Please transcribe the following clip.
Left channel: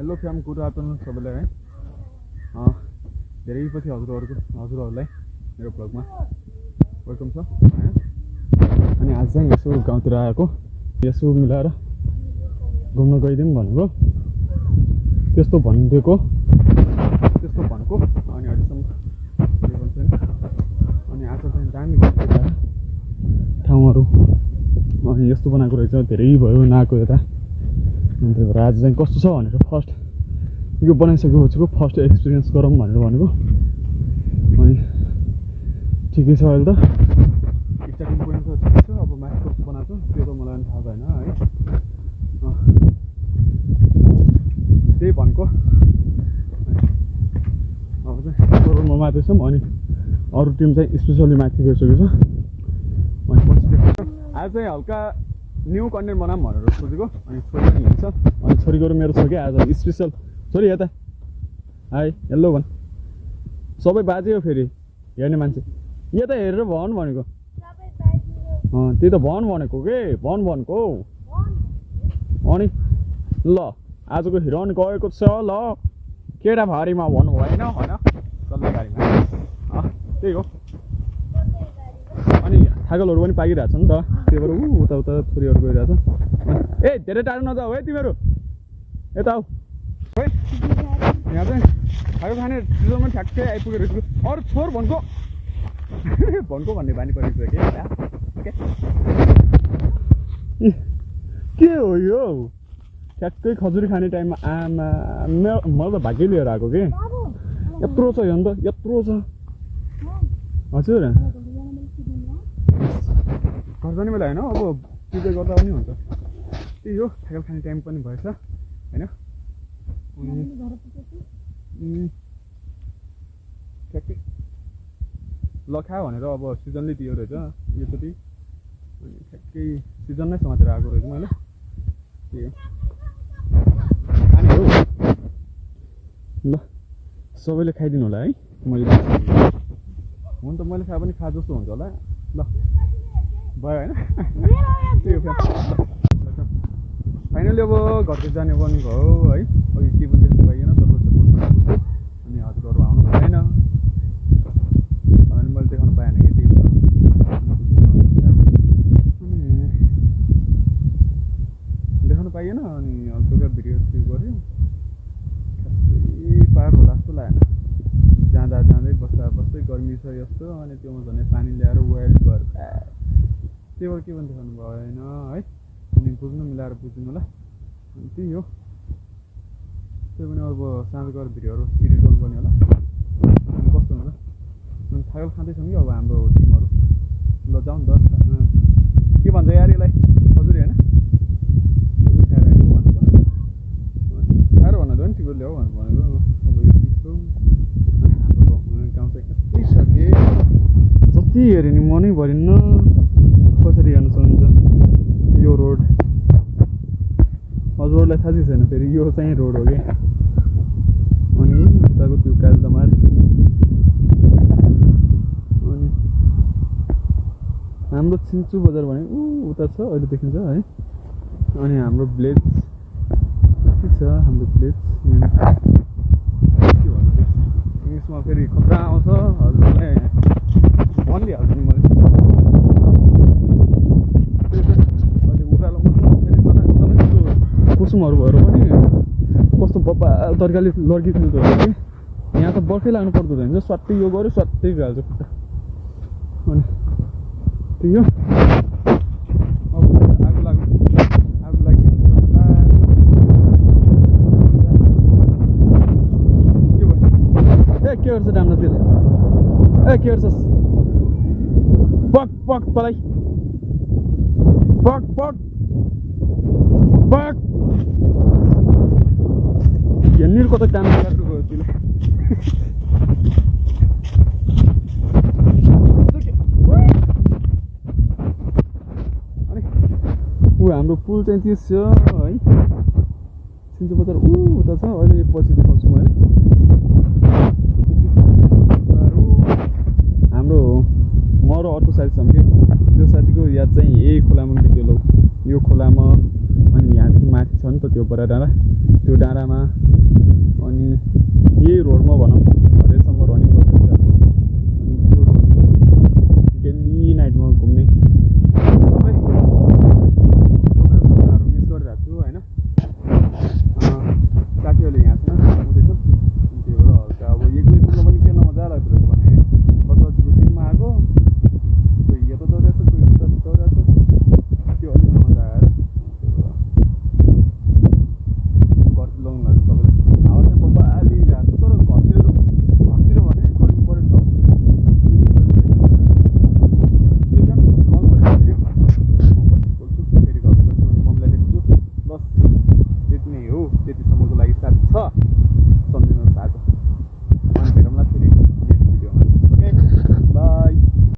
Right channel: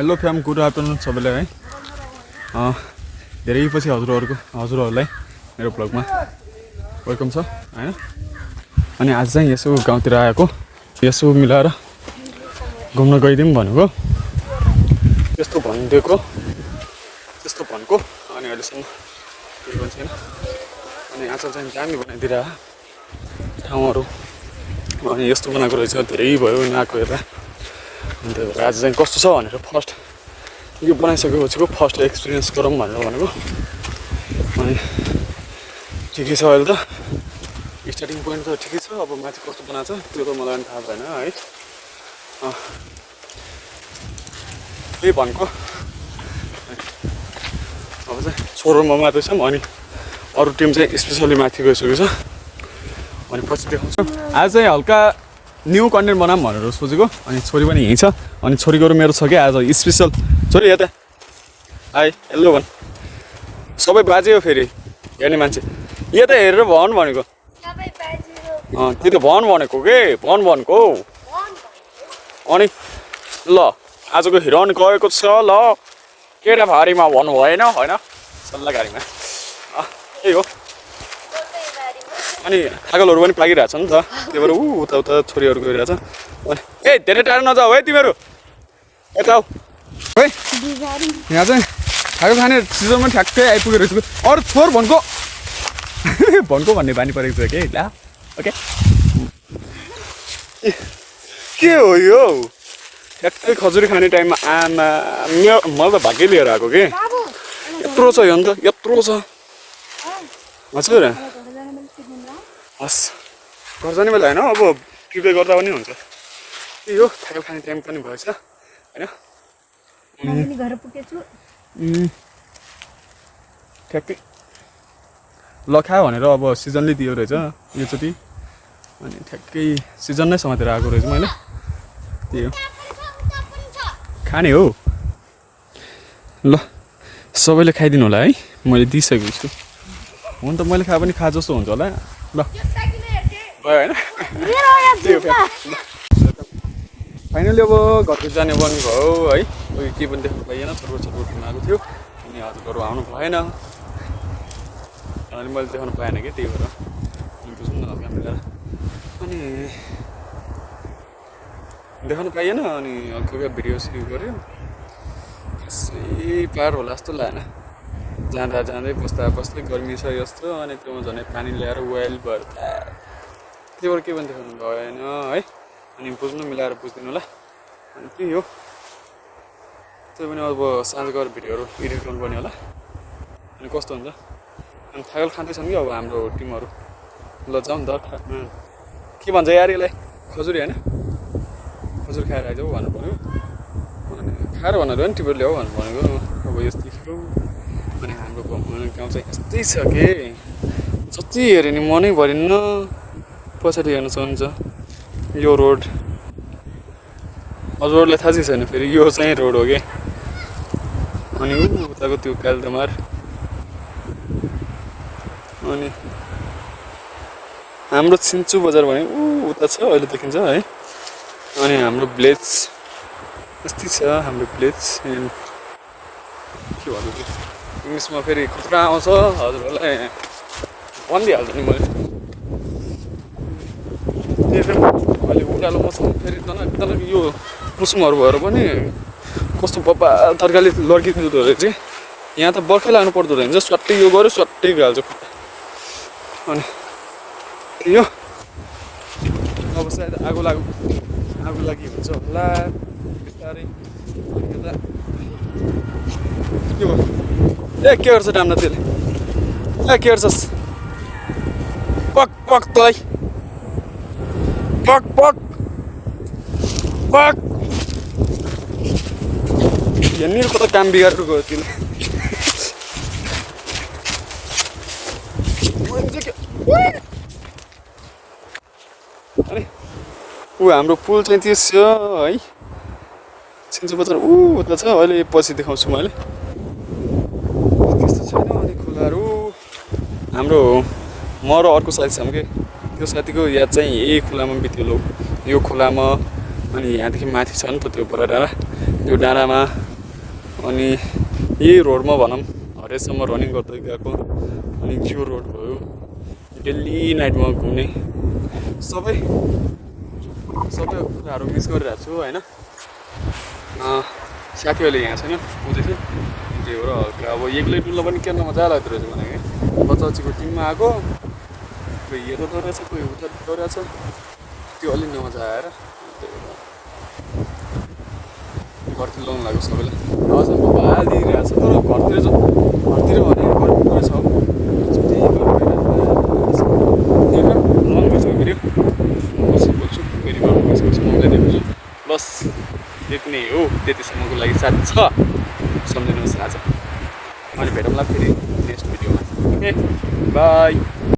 Hello fam good afternoon सबैलाई है धेरै पछि हजुरहरूलाई मेरो ब्लगमा वेलकम छ हैन। अनि आज चाहिँ यसो गाउँतिर आएको यसो मिलाएर घुम्न गइदिउँ भनेको त्यस्तो भनेको अनि अहिलेसम्म केही पनि छैन। अनि आज चाहिँ दामी बनाइदिएर ठाउँहरू अनि यस्तो बनाएको रहेछ धेरै भयो नआएको यता। अनि त्यही भएर आज चाहिँ कस्तो छ भनेर फर्स्ट यो बनाइसकेपछिको फर्स्ट एक्सपिरियन्स गरौँ भनेर भनेको। अनि ठिकै छ अहिले त स्टार्टिङ पोइन्ट त ठिकै छ। अब माथि कस्तो बनाएको छ त्यो त मलाई पनि थाहा भएन है। त्यही भनेको अब चाहिँ सोह्रमा मात्रै छौँ अनि अरू टिम चाहिँ स्पेसली माथि गइसकेको छ। अनि पछि देखाउँछ आज चाहिँ हल्का न्यू कन्टेन्ट बनाऊँ भनेर सोचेको। अनि छोरी पनि यहीँ छ अनि छोरीको मेरो छ कि आज स्पेसल। छोरी यता हाई हेलो भन् सबै बाजे हो फेरि हेर्ने मान्छे यता हेरेर भन् भनेको। त्यही त भन् भनेको के भन् भनेको। अनि ल आजको हिरोइन गएको छ ल केटा भारीमा भन्नु भएन होइन सल्लाह गाडीमा त्यही हो। अनि थागलहरू पनि पाकिरहेछ नि त त्यही भएर उता उता छोरीहरू गइरहेछ। अनि ए धेरै टाढो नजाऊ है तिमीहरू यता आऊ है। यहाँ चाहिँ थागल खाने सिजन पनि ठ्याक्कै आइपुगेको रहेछ। अरू छोर भनेको भनेको भन्ने बानी परेको छ कि ला ओके के हो यो ठ्याक्कै खजुरी खाने टाइममा आमा मलाई त भाग्य लिएर आएको कि यत्रो छ यो अन्त यत्रो छ हजुर। हस् घर जाने बेला होइन अब प्रिपेयर गर्दा पनि हुन्छ। त्यही हो थाकल खाने टाइम पनि भएछ होइन। ठ्याक्कै ल खायो भनेर अब सिजनले दियो रहेछ योचोटि। अनि ठ्याक्कै सिजन नै समातेर आएको रहेछ मैले त्यही हो खाने हो। ल सबैले खाइदिनु होला है मैले दिइसकेको छु। हुन त मैले खाए पनि खा जस्तो हुन्छ होला ल भयो होइन। फाइनली अब घरको जाने बन्द भयो है। उयो के पनि देख्नु पाइएन छटपट भएको थियो अनि हजुरहरू आउनु भएन अनि मैले देखाउनु पाएन कि त्यही भएर बुझ्नु न क्यामेरा अनि देखाउनु पाइएन। अनि हल्का भिडियो सुरु गऱ्यो खासै पार होला जस्तो लागेन। जाँदा जाँदै बस्दा बस्दै गर्मी छ यस्तो अनि त्योमा झन् पानी ल्याएर वेल भर्दा त्यही भएर के पनि देखाउनु भएन है। अनि बुझ्नु मिलाएर बुझिदिनु होला। अनि त्यही हो त्यही पनि अब साँझ गएर भिडियोहरू एडिट गर्नुपर्ने होला। अनि कस्तो हुन्छ अनि थागल खाँदैछन् कि अब हाम्रो टिमहरू। ल जाउँ नि त के भन्छ यार यसलाई खजुरी होइन खजुरी खाएर आइजाऊ भन्नु पऱ्यो। अनि खाएर भनेर पनि टिपेर ल्याऊ भन्नु भनेको अब यस्तो थियो। अनि हाम्रो गाउँ चाहिँ यस्तै छ कि जति हेऱ्यो नि मनै भरिन्न। पछाडि हेर्नु सक्नुहुन्छ यो रोड हजुरहरूलाई थाहा चाहिँ छैन फेरि यो चाहिँ रोड हो कि। अनि उताको त्यो कालदमार अनि हाम्रो छिन्चु बजार भने उता छ अहिले देखिन्छ है। अनि हाम्रो भिलेज यस्तै छ हाम्रो भिलेज। के भन्नु इङ्ग्लिसमा फेरि खतरा आउँछ हजुरहरूलाई भनिदिइहाल्छु नि मैले। अहिले उकालो मौसम फेरि तर यो मौसमहरू भएर पनि कस्तो बब्बा तरकारी लड्किँदो रहेछ चाहिँ यहाँ त बर्खै लाग्नु पर्दो रहेछ स्वाट्टै यो गऱ्यो स्वाट्टै गइहाल्छ। अनि त्यही हो अब सायद आगो लागि हुन्छ होला बिस्तारै। के भयो ए के गर्छ डाम्ना त्यसले ए के गर्छस् पक पक तँलाई पक पक पक यहाँनिरको त काम बिगारेर गयो त्यसले। अनि हाम्रो पुल चाहिँ त्यो छ है छिन्चु बजार उता छ। अहिले पछि देखाउँछु मैले त्यस्तो छैन। अनि खोलाहरू हाम्रो म र अर्को साथी छौँ कि त्यो साथीको याद चाहिँ यही खोलामा बित्यो यो खोलामा। अनि यहाँदेखि माथि छ नि त त्यो बडा डाँडा त्यो डाँडामा अनि यही रोडमा भनौँ हरेसम्म रनिङ गर्दै गएको अनि जियो रोड भयो डेली नाइटमा घुम्ने सबै कुराहरू मिस गरिरहेको छु होइन साथीहरूले यहाँ छैन बुझेछ त्यही भएर हल्का अब एक्लै डुल्न पनि केर्न मजा लाग्दो रहेछ भने बच्चाको टिममा आएको कोही हेर्दो रहेछ कोही होटल गइरहेछ त्यो अलिक नमजा आएर घरतिर लाउनु लाग्यो सबैले अचम्म हालिदिइरहेको छ तर घरतिर भने गर्नु रहेछ बस त्यति नै हो त्यतिसम्मको लागि साथ छ सम्झिनुहोस् आज अनि भेटौँला फेरि नेक्स्ट भिडियोमा ओके बाई